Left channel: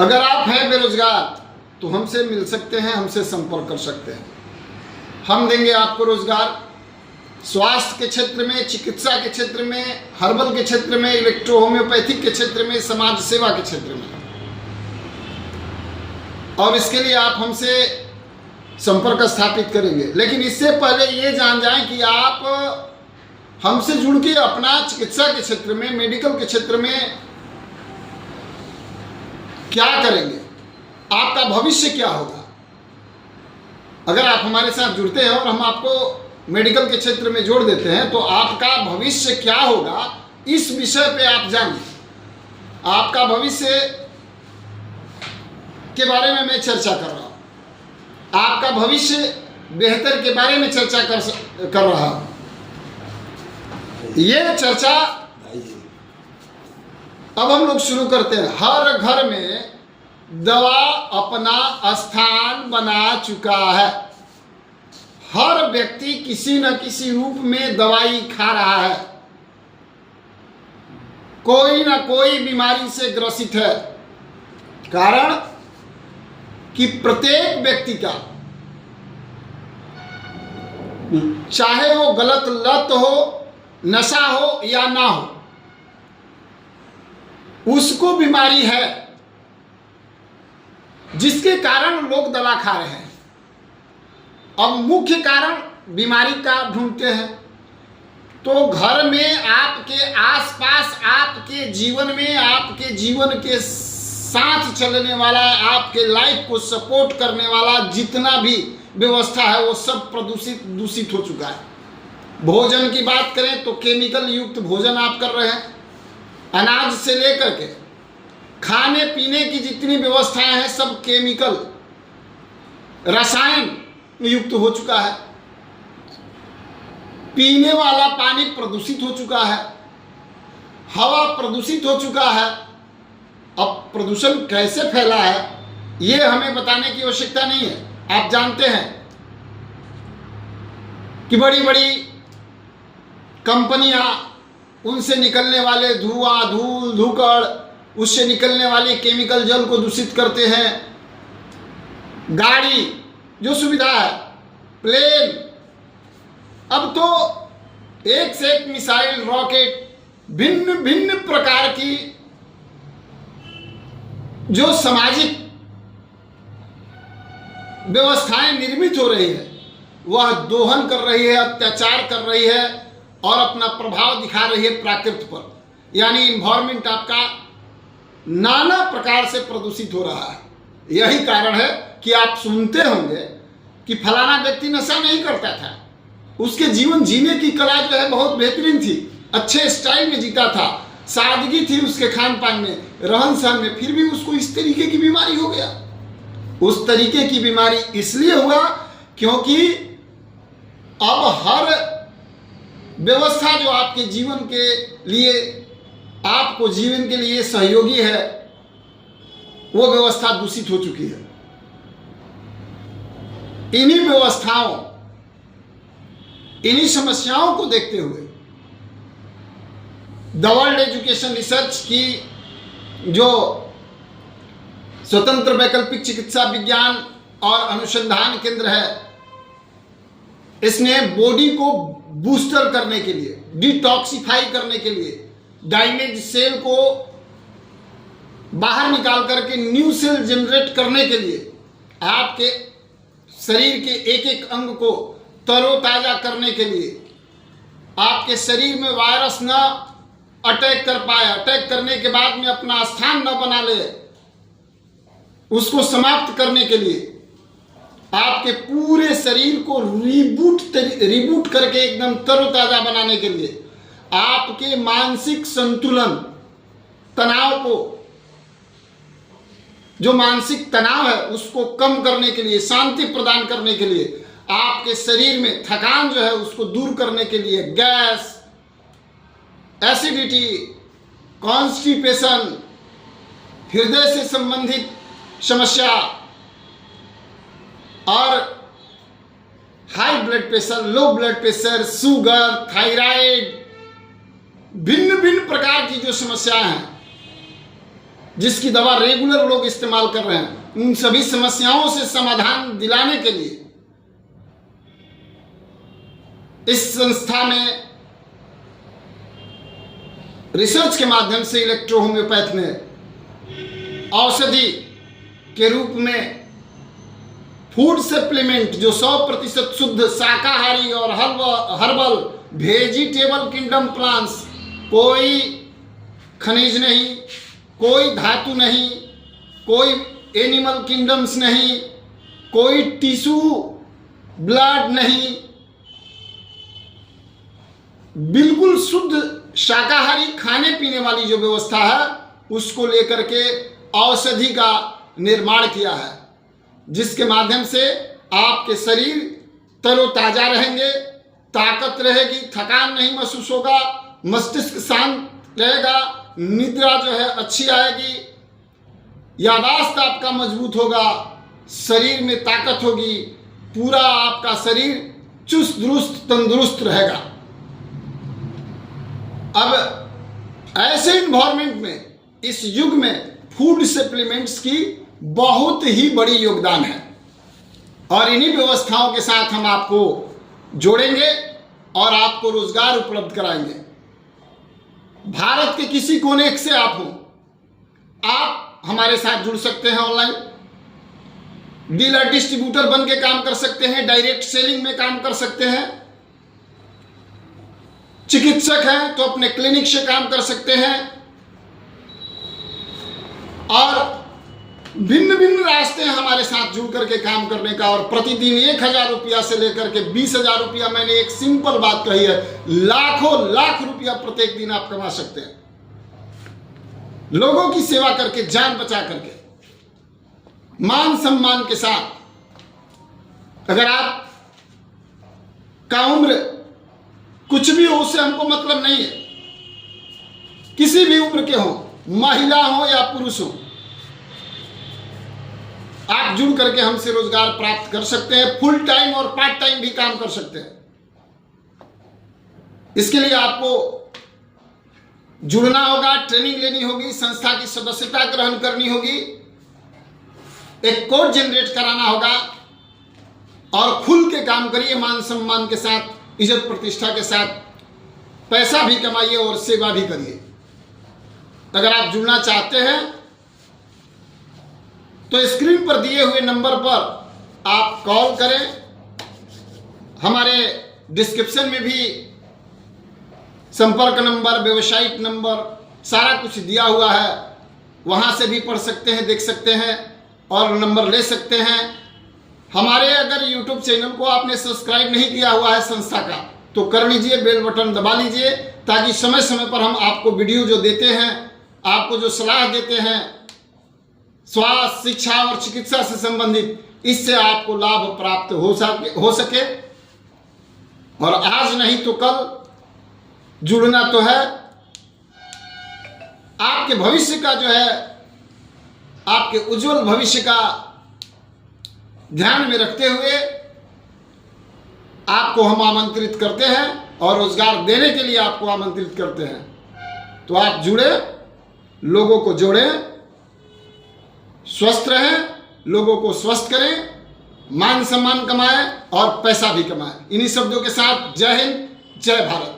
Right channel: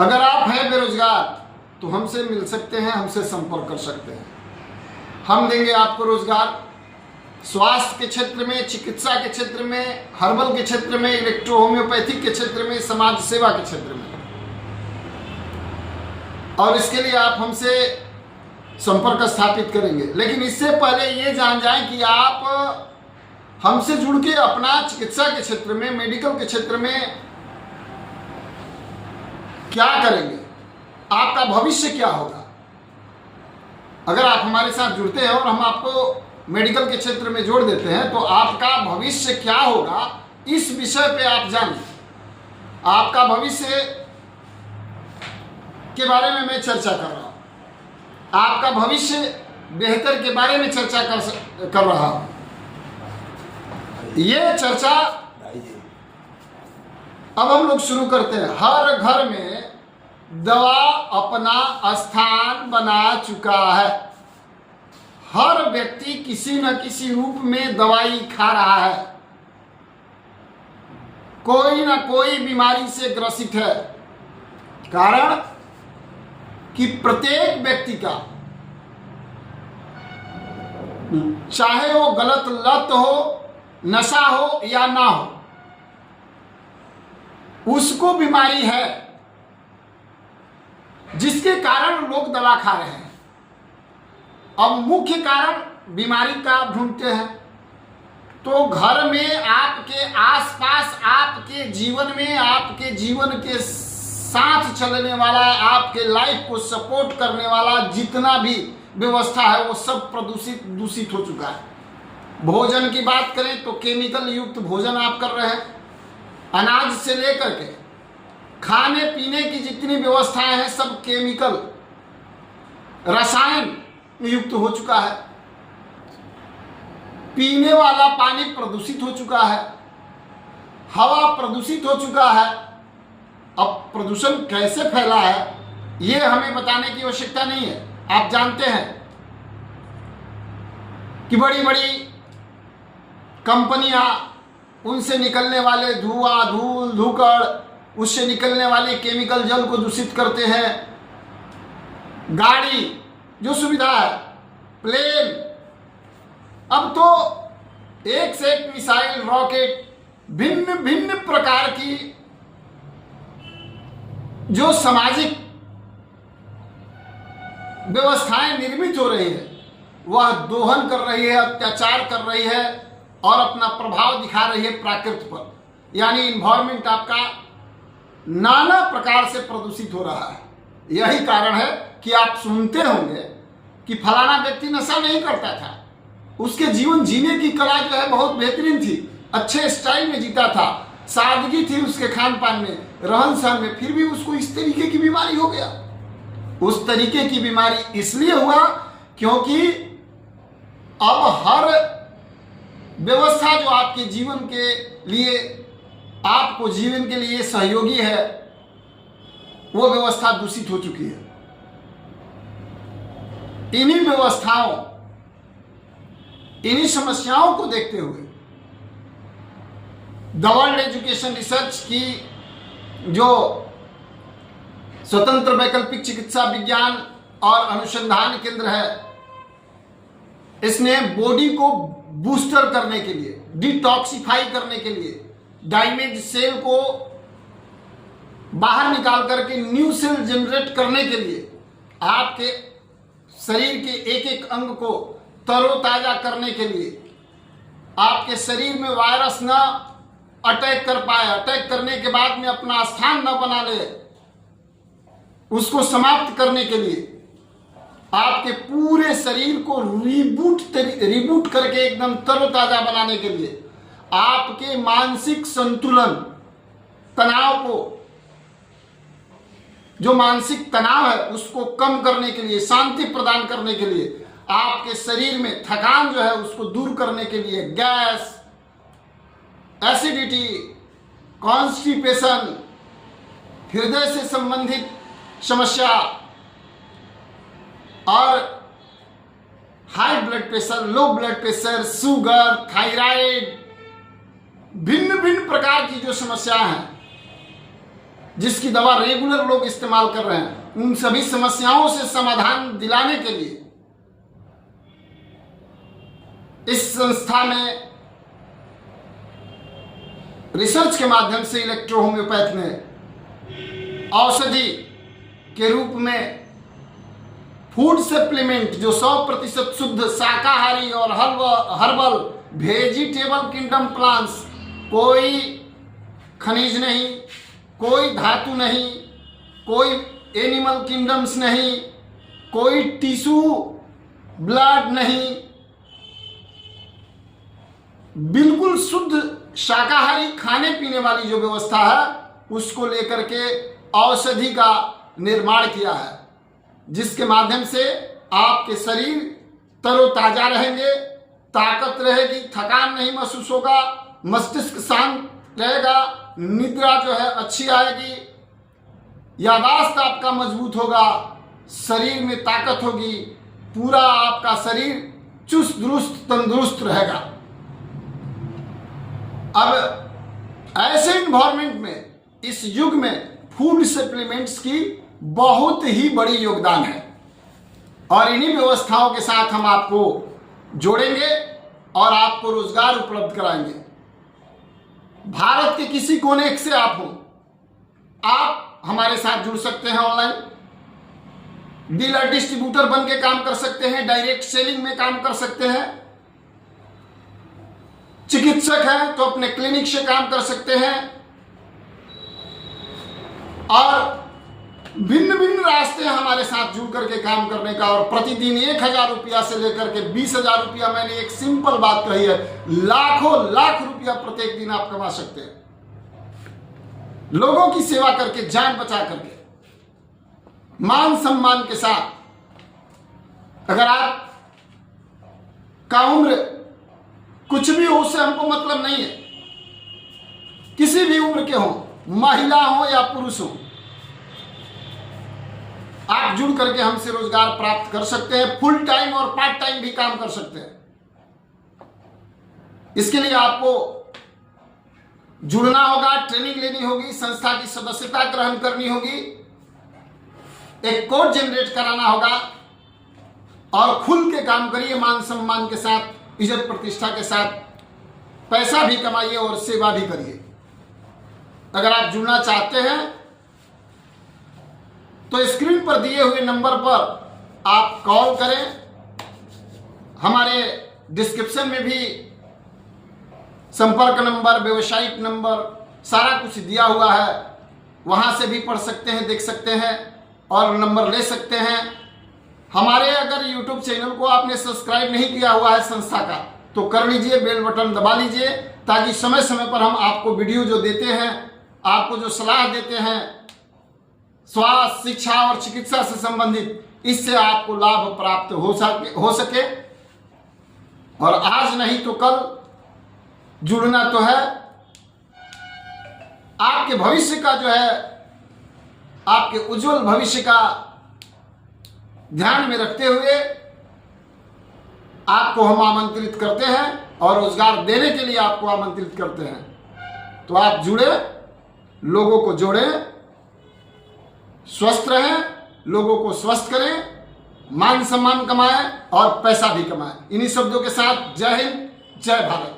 अगर आप हैं बेरोजगार तो हमसे मिल सकते हैं, हमसे संपर्क कर सकते हैं। हम देंगे आपको रोजगार स्वास्थ्य के क्षेत्र में, चिकित्सा के क्षेत्र में, हर्बल के क्षेत्र में, इलेक्ट्रो होम्योपैथिक के क्षेत्र में, समाज सेवा के क्षेत्र में। और इसके लिए आप हमसे संपर्क स्थापित करेंगे। लेकिन इससे पहले ये जान जाएं कि आप हमसे जुड़ के अपना चिकित्सा के क्षेत्र में, मेडिकल के क्षेत्र में क्या करेंगे, आपका भविष्य क्या होगा। अगर आप हमारे साथ जुड़ते हैं और हम आपको मेडिकल के क्षेत्र में जोड़ देते हैं तो आपका भविष्य क्या होगा, इस विषय पे आप जानिए। आपका भविष्य के बारे में मैं चर्चा कर रहा हूं, आपका भविष्य बेहतर के बारे में चर्चा कर रहा हूं। ये चर्चा अब हम लोग शुरू करते हैं। हर घर में दवा अपना स्थान बना चुका है। हर व्यक्ति किसी न किसी रूप में दवाई खा रहा है, कोई न कोई बीमारी से ग्रसित है। कारण कि प्रत्येक व्यक्ति का, चाहे वो गलत लत हो, नशा हो या ना हो, उसको बीमारी है जिसके कारण लोग दवा खा रहे हैं। अब मुख्य कारण बीमारी का ढूंढते हैं तो घर में, आपके आसपास, आपके जीवन में, आपके जीवन के साथ चलने वाला, आपके लाइफ को सपोर्ट करने वाला जितना भी व्यवस्था है वो सब दूषित हो चुका है। भोजन की बात करें तो केमिकल युक्त भोजन आप कर रहे हैं। अनाज से लेकर के खाने पीने की जितनी व्यवस्थाएं हैं सब केमिकल, रसायन युक्त हो चुका है। पीने वाला पानी प्रदूषित हो चुका है, हवा प्रदूषित हो चुका है। अब प्रदूषण कैसे फैला है ये हमें बताने की आवश्यकता नहीं है। आप जानते हैं कि बड़ी बड़ी कंपनियां, उनसे निकलने वाले धुआं, धूल, धुकड़, उससे निकलने वाले केमिकल जल को दूषित करते हैं। गाड़ी जो सुविधा है, प्लेन, अब तो एक से एक मिसाइल, रॉकेट, भिन्न भिन्न प्रकार की जो सामाजिक व्यवस्थाएं निर्मित हो रही है वह दोहन कर रही है, अत्याचार कर रही है और अपना प्रभाव दिखा रही है प्रकृति पर। यानी इन्वायरमेंट आपका नाना प्रकार से प्रदूषित हो रहा है। यही कारण है कि आप सुनते होंगे कि फलाना व्यक्ति नशा नहीं करता था, उसके जीवन जीने की कला जो है बहुत बेहतरीन थी, अच्छे स्टाइल में जीता था, सादगी थी उसके खान पान में, रहन सहन में, फिर भी उसको इस तरीके की बीमारी हो गया। उस तरीके की बीमारी इसलिए हुआ क्योंकि अब हर व्यवस्था जो आपके जीवन के लिए, आपको जीवन के लिए सहयोगी है, वो व्यवस्था दूषित हो चुकी है। इन्हीं व्यवस्थाओं, इन्हीं समस्याओं को देखते हुए द वर्ल्ड एजुकेशन रिसर्च की जो स्वतंत्र वैकल्पिक चिकित्सा विज्ञान और अनुसंधान केंद्र है, इसने बॉडी को बूस्टर करने के लिए, डिटॉक्सिफाई करने के लिए, डैमेज सेल को बाहर निकाल करके न्यू सेल जनरेट करने के लिए, आपके शरीर के एक एक अंग को तरोताजा करने के लिए, आपके शरीर में वायरस न अटैक कर पाए, अटैक करने के बाद में अपना स्थान न बना ले, उसको समाप्त करने के लिए, आपके पूरे शरीर को रिबूट करके एकदम तरोताजा बनाने के लिए, आपके मानसिक संतुलन, तनाव को, जो मानसिक तनाव है उसको कम करने के लिए, शांति प्रदान करने के लिए, आपके शरीर में थकान जो है उसको दूर करने के लिए, गैस, एसिडिटी, कॉन्स्टिपेशन, हृदय से संबंधित समस्या और high blood pressure, low blood pressure, sugar, thyroid, भिन्न भिन्न प्रकार की जो समस्याएं हैं जिसकी दवा रेगुलर लोग इस्तेमाल कर रहे हैं, उन सभी समस्याओं से समाधान दिलाने के लिए इस संस्था में रिसर्च के माध्यम से इलेक्ट्रो होम्योपैथ ने औषधि के रूप में फूड सप्लीमेंट जो 100% शुद्ध शाकाहारी और हर्बल वेजिटेबल किंगडम प्लांट्स, कोई खनिज नहीं, कोई धातु नहीं, कोई एनिमल किंगडम्स नहीं, कोई टिश्यू ब्लड नहीं, बिल्कुल शुद्ध शाकाहारी खाने पीने वाली जो व्यवस्था है उसको लेकर के औषधि का निर्माण किया है, जिसके माध्यम से आपके शरीर तरोताजा रहेंगे, ताकत रहेगी, थकान नहीं महसूस होगा, मस्तिष्क शांत रहेगा, निद्रा जो है अच्छी आएगी, यादाश्त आपका मजबूत होगा, शरीर में ताकत होगी, पूरा आपका शरीर चुस्त दुरुस्त तंदुरुस्त रहेगा। अब ऐसे इन्वायरमेंट में, इस युग में फूड सप्लीमेंट्स की बहुत ही बड़ी योगदान है और इन्हीं व्यवस्थाओं के साथ हम आपको जोड़ेंगे और आपको रोजगार उपलब्ध कराएंगे। भारत के किसी कोने से आप हो, आप हमारे साथ जुड़ सकते हैं। ऑनलाइन डीलर डिस्ट्रीब्यूटर बन के काम कर सकते हैं, डायरेक्ट सेलिंग में काम कर सकते हैं, चिकित्सक हैं तो अपने क्लिनिक से काम कर सकते हैं और भिन्न भिन्न रास्ते हैं हमारे साथ जुड़ करके काम करने का। और प्रतिदिन 1000 रुपया से लेकर के 20,000 रुपया, मैंने एक सिंपल बात कही है, लाखों लाख रुपया प्रत्येक दिन आप कमा सकते हैं, लोगों की सेवा करके, जान बचा करके, मान सम्मान के साथ। अगर आप का उम्र कुछ भी हो उससे हमको मतलब नहीं है, किसी भी उम्र के हो, महिला हो या पुरुष हो, आप जुड़ करके हमसे रोजगार प्राप्त कर सकते हैं। फुल टाइम और पार्ट टाइम भी काम कर सकते हैं। इसके लिए आपको जुड़ना होगा, ट्रेनिंग लेनी होगी, संस्था की सदस्यता ग्रहण करनी होगी, एक कोड जनरेट कराना होगा और खुल के काम करिए, मान सम्मान के साथ, इज्जत प्रतिष्ठा के साथ, पैसा भी कमाइए और सेवा भी करिए। अगर आप जुड़ना चाहते हैं तो स्क्रीन पर दिए हुए नंबर पर आप कॉल करें। हमारे डिस्क्रिप्शन में भी संपर्क नंबर, वेबसाइट नंबर, सारा कुछ दिया हुआ है, वहां से भी पढ़ सकते हैं, देख सकते हैं और नंबर ले सकते हैं। हमारे अगर YouTube चैनल को आपने सब्सक्राइब नहीं किया हुआ है संस्था का, तो कर लीजिए, बेल बटन दबा लीजिए, ताकि समय समय पर हम आपको वीडियो जो देते हैं, आपको जो सलाह देते हैं स्वास्थ्य, शिक्षा और चिकित्सा से संबंधित, इससे आपको लाभ प्राप्त हो सके। और आज नहीं तो कल जुड़ना तो है। आपके भविष्य का जो है, आपके उज्जवल भविष्य का ध्यान में रखते हुए आपको हम आमंत्रित करते हैं और रोजगार देने के लिए आपको आमंत्रित करते हैं। तो आप जुड़े, लोगों को जोड़ें, स्वस्थ रहें, लोगों को स्वस्थ करें, मान सम्मान कमाएं और पैसा भी कमाएं। इन्हीं शब्दों के साथ जय हिंद, जय भारत।